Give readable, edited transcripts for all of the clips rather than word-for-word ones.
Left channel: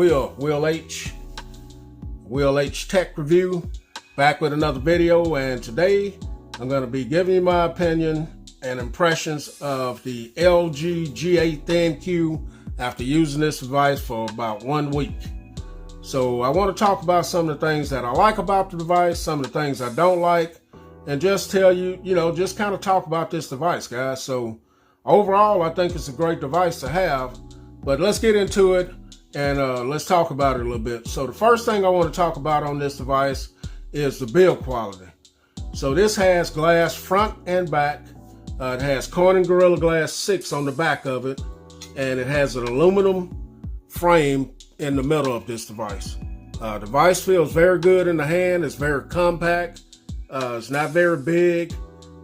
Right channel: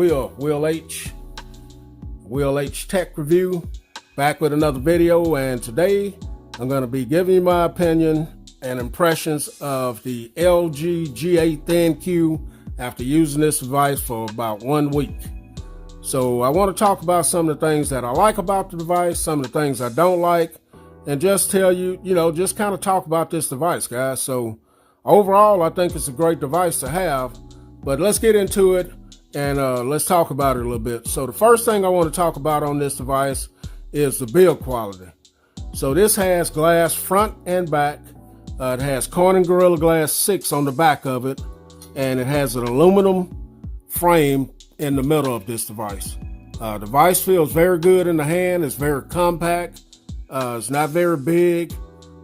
Will H Tech Review, back with another video, and today I'm going to be giving you my opinion and impressions of the LG G8 ThinQ after using this device for about 1 week. So I want to talk about some of the things that I like about the device, some of the things I don't like, and just tell you, just kind of talk about this device, guys. So overall, I think it's a great device to have, but let's get into it and let's talk about it a little bit. So the first thing I want to talk about on this device is the build quality. So this has glass front and back. It has Corning Gorilla Glass 6 on the back of it, and it has an aluminum frame in the middle of this device. Device feels very good in the hand. It's very compact. It's not very big,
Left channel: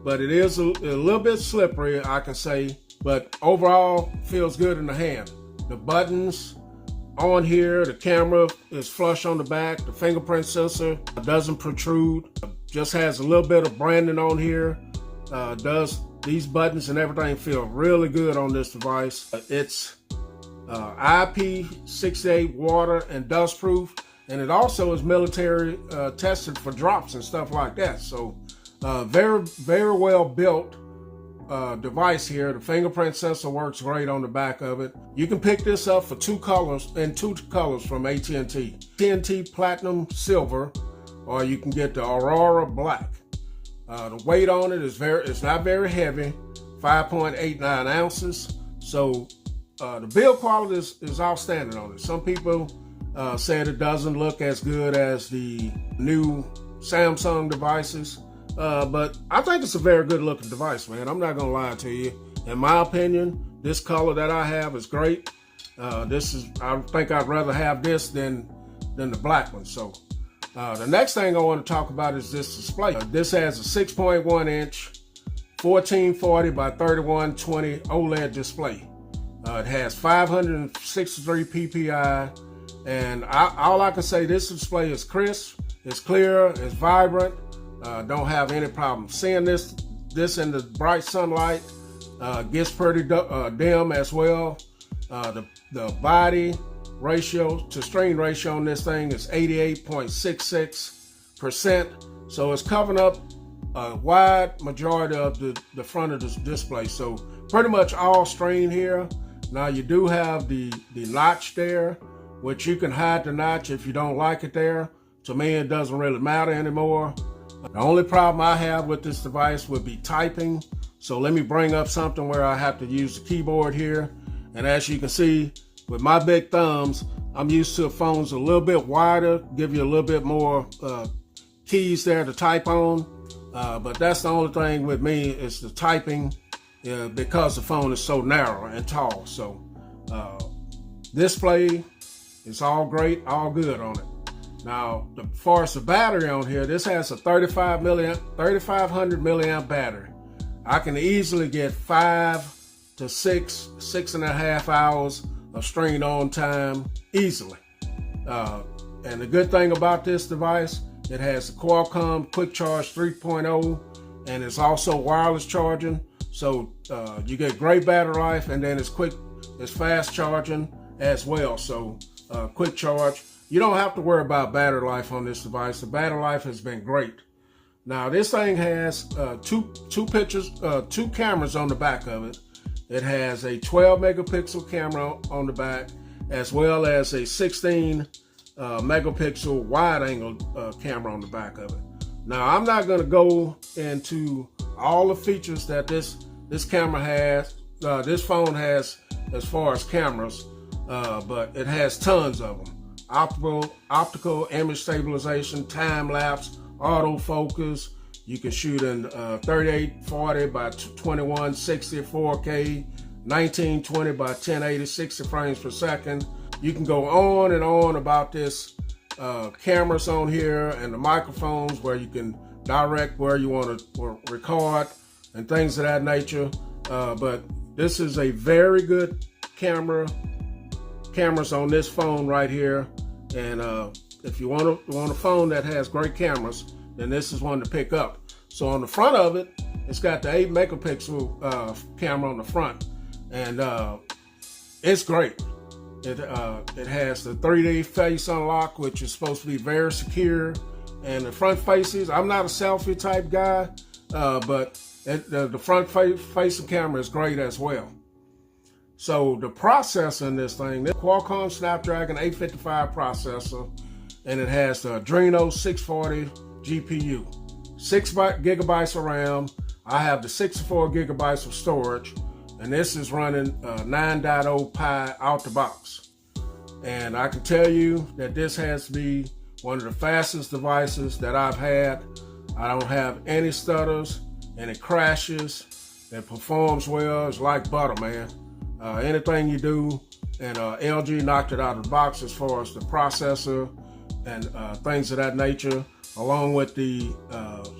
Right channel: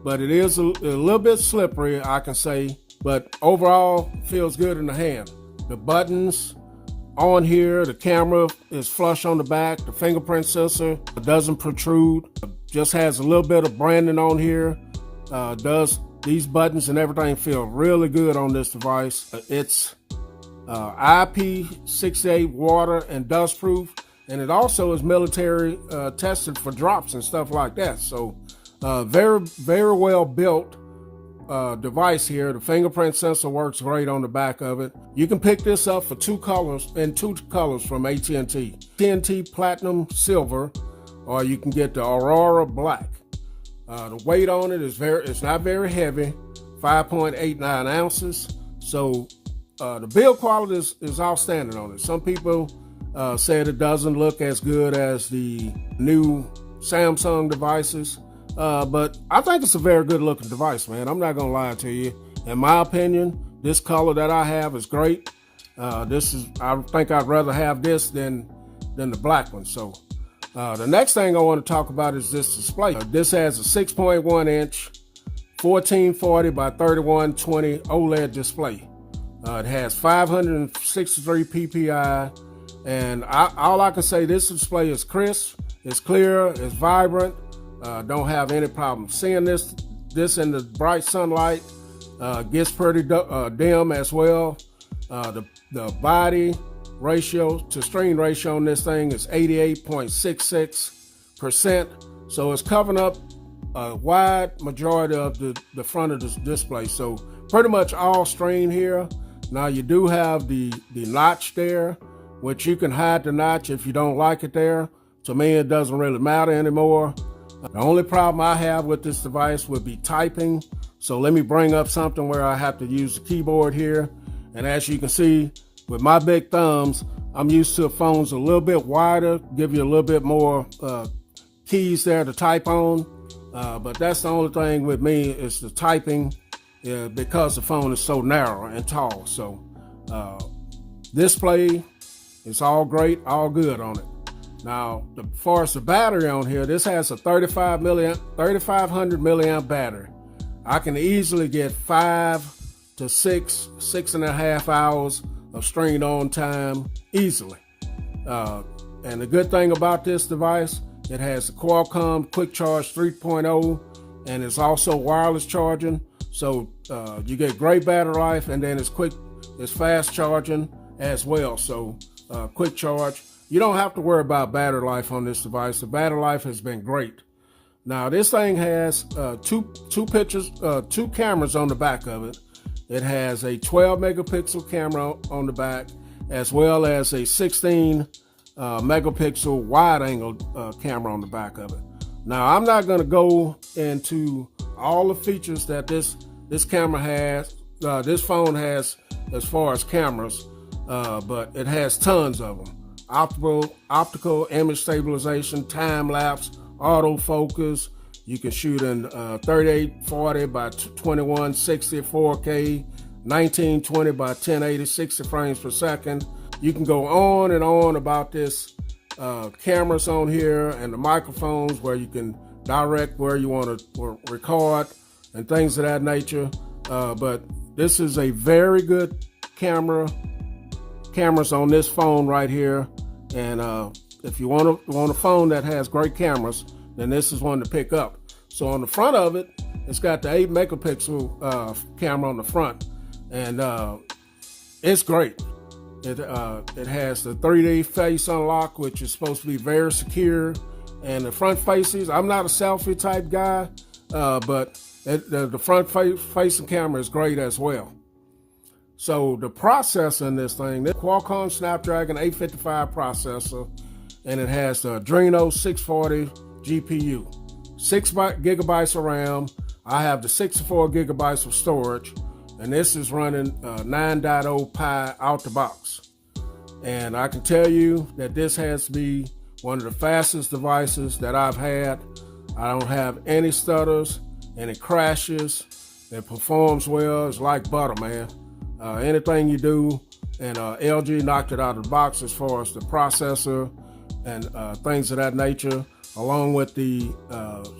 but it is a little bit slippery, I can say, but overall feels good in the hand. The buttons on here, the camera is flush on the back. The fingerprint sensor doesn't protrude. Just has a little bit of branding on here. These buttons and everything feel really good on this device. It's IP68 water and dust proof, and it also is military tested for drops and stuff like that. So very, very well built device here. The fingerprint sensor works great on the back of it. You can pick this up for two colors from AT&T. AT&T Platinum Silver, or you can get the Aurora Black. The weight on it is it's not very heavy, 5.89 ounces. So the build quality is outstanding on it. Some people said it doesn't look as good as the new Samsung devices, but I think it's a very good looking device, man. I'm not gonna lie to you. In my opinion, this color that I have is great. I think I'd rather have this than the black one. So the next thing I want to talk about is this display. This has a 6.1 inch 1440 by 3120 OLED display. It has 563 ppi, and all I can say, this display is crisp, it's clear, it's vibrant. Don't have any problem seeing this in the bright sunlight. Gets pretty dim as well. The body ratio to screen ratio on this thing is 88.66%. So it's covering up a wide majority of the front of this display. So pretty much all screen here. Now you do have the notch there, which you can hide the notch if you don't like it there. To me, it doesn't really matter anymore. The only problem I have with this device would be typing. So let me bring up something where I have to use the keyboard here. And as you can see, with my big thumbs, I'm used to phones a little bit wider, give you a little bit more keys there to type on. But that's the only thing with me is the typing, because the phone is so narrow and tall. So display is all great, all good on it. Now, as far as the battery on here, this has a 3,500 milliamp battery. I can easily get 5 to 6.5 hours of screen on time easily. And the good thing about this device, it has the Qualcomm Quick Charge 3.0, and it's also wireless charging. So you get great battery life, and then it's fast charging as well. So quick charge. You don't have to worry about battery life on this device. The battery life has been great. Now this thing has two cameras on the back of it. It has a 12 megapixel camera on the back, as well as a 16 megapixel wide angle camera on the back of it. Now I'm not going to go into all the features that this camera has, this phone has as far as cameras, but it has tons of them. Optical image stabilization, time lapse, autofocus. You can shoot in 3840 by 2160 4K, 1920 by 1080, 60 frames per second. You can go on and on about this cameras on here and the microphones where you can direct where you want to record and things of that nature. But this is a very good cameras on this phone right here. And if you want a phone that has great cameras, then this is one to pick up. So on the front of it, it's got the 8 megapixel camera on the front, and it's great. It has the 3D face unlock, which is supposed to be very secure. And the front faces, I'm not a selfie type guy, but the front facing camera is great as well. So the processor in this thing, the Qualcomm Snapdragon 855 processor, and it has the Adreno 640 GPU, 6 gigabytes of RAM. I have the 64 gigabytes of storage, and this is running 9.0 Pi out the box. And I can tell you that this has to be one of the fastest devices that I've had. I don't have any stutters, and it crashes. It performs well. It's like butter, man. Anything you do, and LG knocked it out of the box as far as the processor and things of that nature, along with the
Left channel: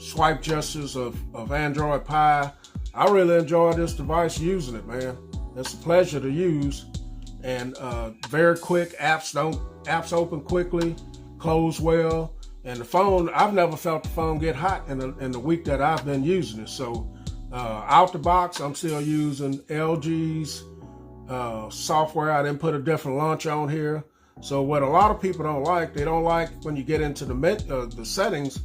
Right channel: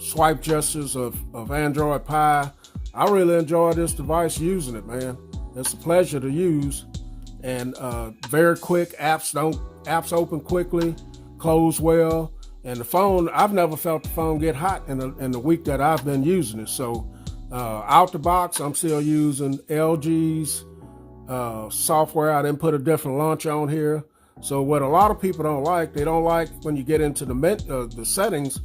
swipe gestures of Android Pie. I really enjoy this device using it, man. It's a pleasure to use, and very quick. Apps open quickly, close well, and the phone, I've never felt the phone get hot in the week that I've been using it. So out the box, I'm still using LG's software. I didn't put a different launcher on here. So what a lot of people don't like, they don't like when you get into the settings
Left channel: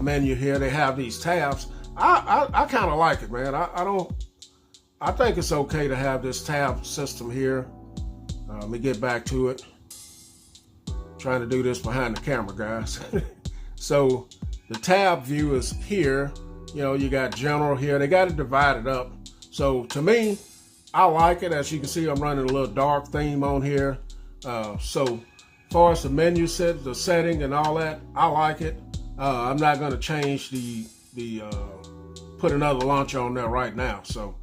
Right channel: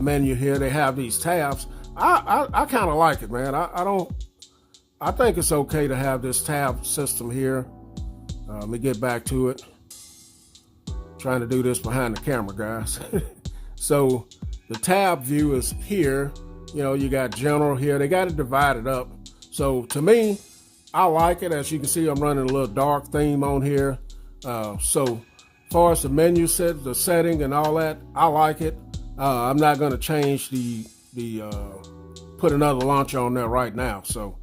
menu here, they have these tabs. I kind of like it, man. I think it's okay to have this tab system here. Let me get back to it. Trying to do this behind the camera, guys. So the tab view is here. You know, you got general here. They got it divided up. So to me, I like it. As you can see, I'm running a little dark theme on here. So as far as the menu set, the setting and all that, I like it. I'm not going to change put another launcher on there right now. So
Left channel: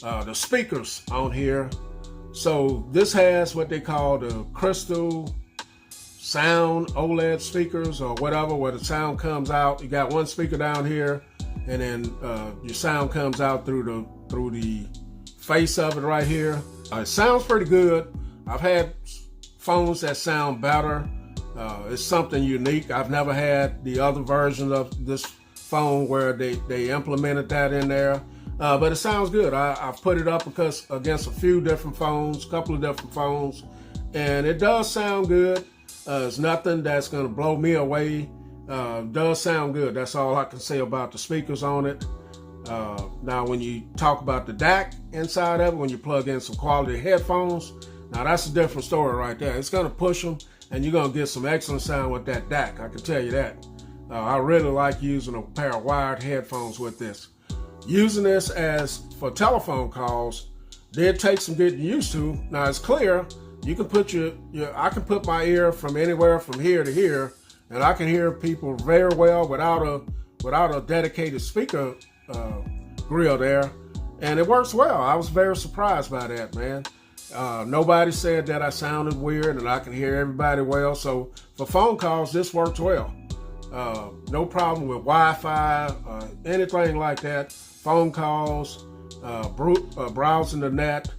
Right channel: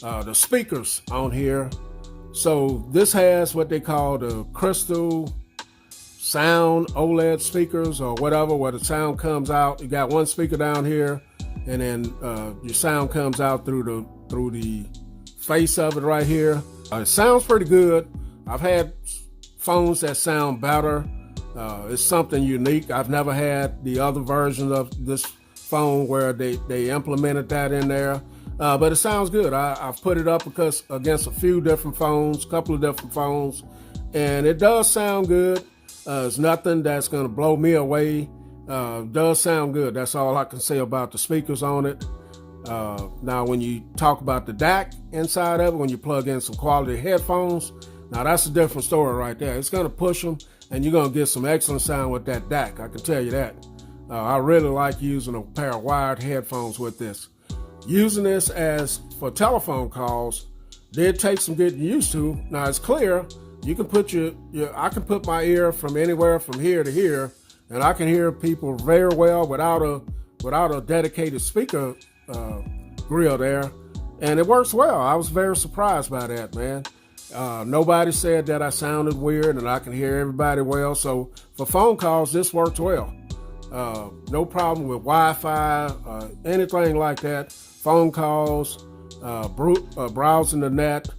the speakers on here. So this has what they call the crystal sound OLED speakers or whatever, where the sound comes out. You got one speaker down here, and then your sound comes out through the face of it right here. It sounds pretty good. I've had phones that sound better. It's something unique. I've never had the other version of this phone where they implemented that in there. But it sounds good. I've put it up against a few different phones, a couple of different phones, and it does sound good. It's nothing that's going to blow me away. It does sound good. That's all I can say about the speakers on it. Now, when you talk about the DAC inside of it, when you plug in some quality headphones, now that's a different story right there. It's going to push them, and you're going to get some excellent sound with that DAC. I can tell you that. I really like using a pair of wired headphones with this. Using this as for telephone calls did take some getting used to. Now it's clear. You can put I can put my ear from anywhere from here to here, and I can hear people very well without a dedicated speaker grill there, and it works well. I was very surprised by that, man. Nobody said that I sounded weird, and I can hear everybody well. So for phone calls, this works well. No problem with Wi-Fi, anything like that. Phone calls, browsing the net,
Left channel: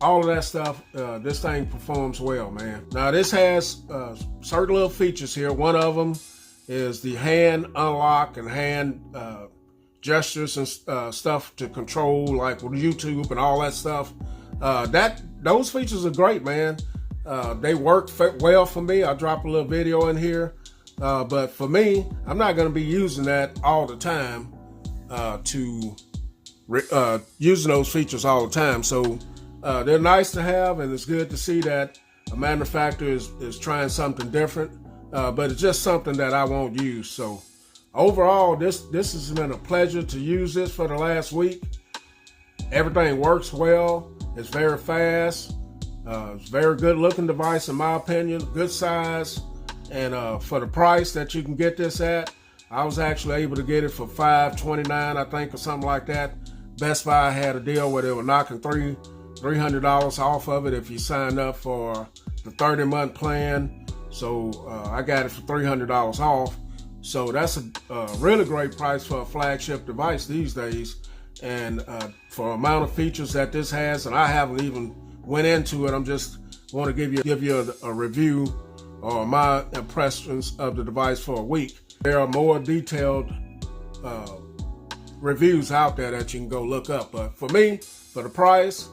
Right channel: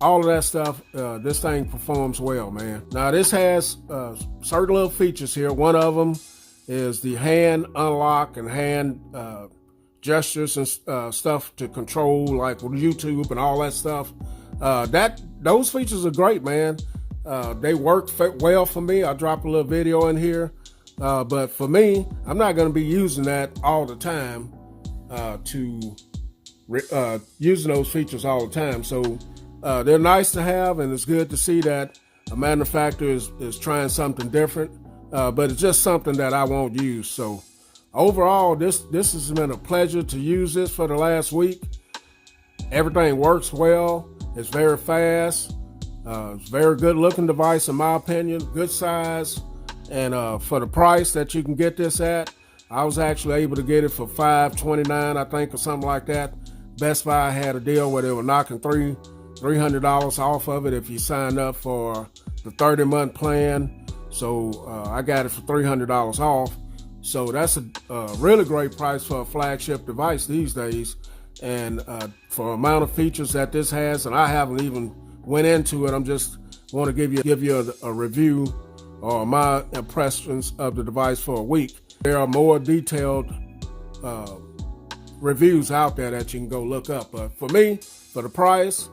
all of that stuff. This thing performs well, man. Now this has certain little features here. One of them is the hand unlock and hand gestures and stuff to control, like with YouTube and all that stuff. Those features are great, man. They work well for me. I'll drop a little video in here. But for me, I'm not going to be using that all the time, using those features all the time. So they're nice to have, and it's good to see that a manufacturer is trying something different. But it's just something that I won't use. So overall, this has been a pleasure to use this for the last week. Everything works well. It's very fast. It's a very good looking device in my opinion. Good size. And for the price that you can get this at, I was actually able to get it for $529, I think, or something like that. Best Buy had a deal where they were knocking $300 off of it if you signed up for the 30-month plan. So I got it for $300 off. So that's a really great price for a flagship device these days. And for the amount of features that this has, and I haven't even went into it, I'm just want to give you a review or my impressions of the device for a week. There are more detailed reviews out there that you can go look up. But for me, for the price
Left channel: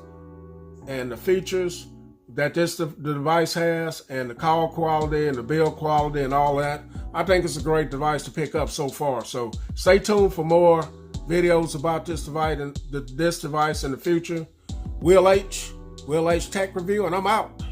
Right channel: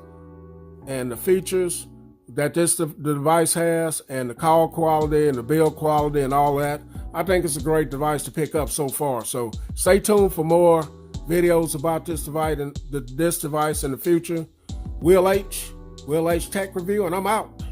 and the features, that the device has, and the call quality and the build quality and all that. I think it's a great device to pick up so far. So stay tuned for more videos about this device in the future. Will H Tech Review, and I'm out.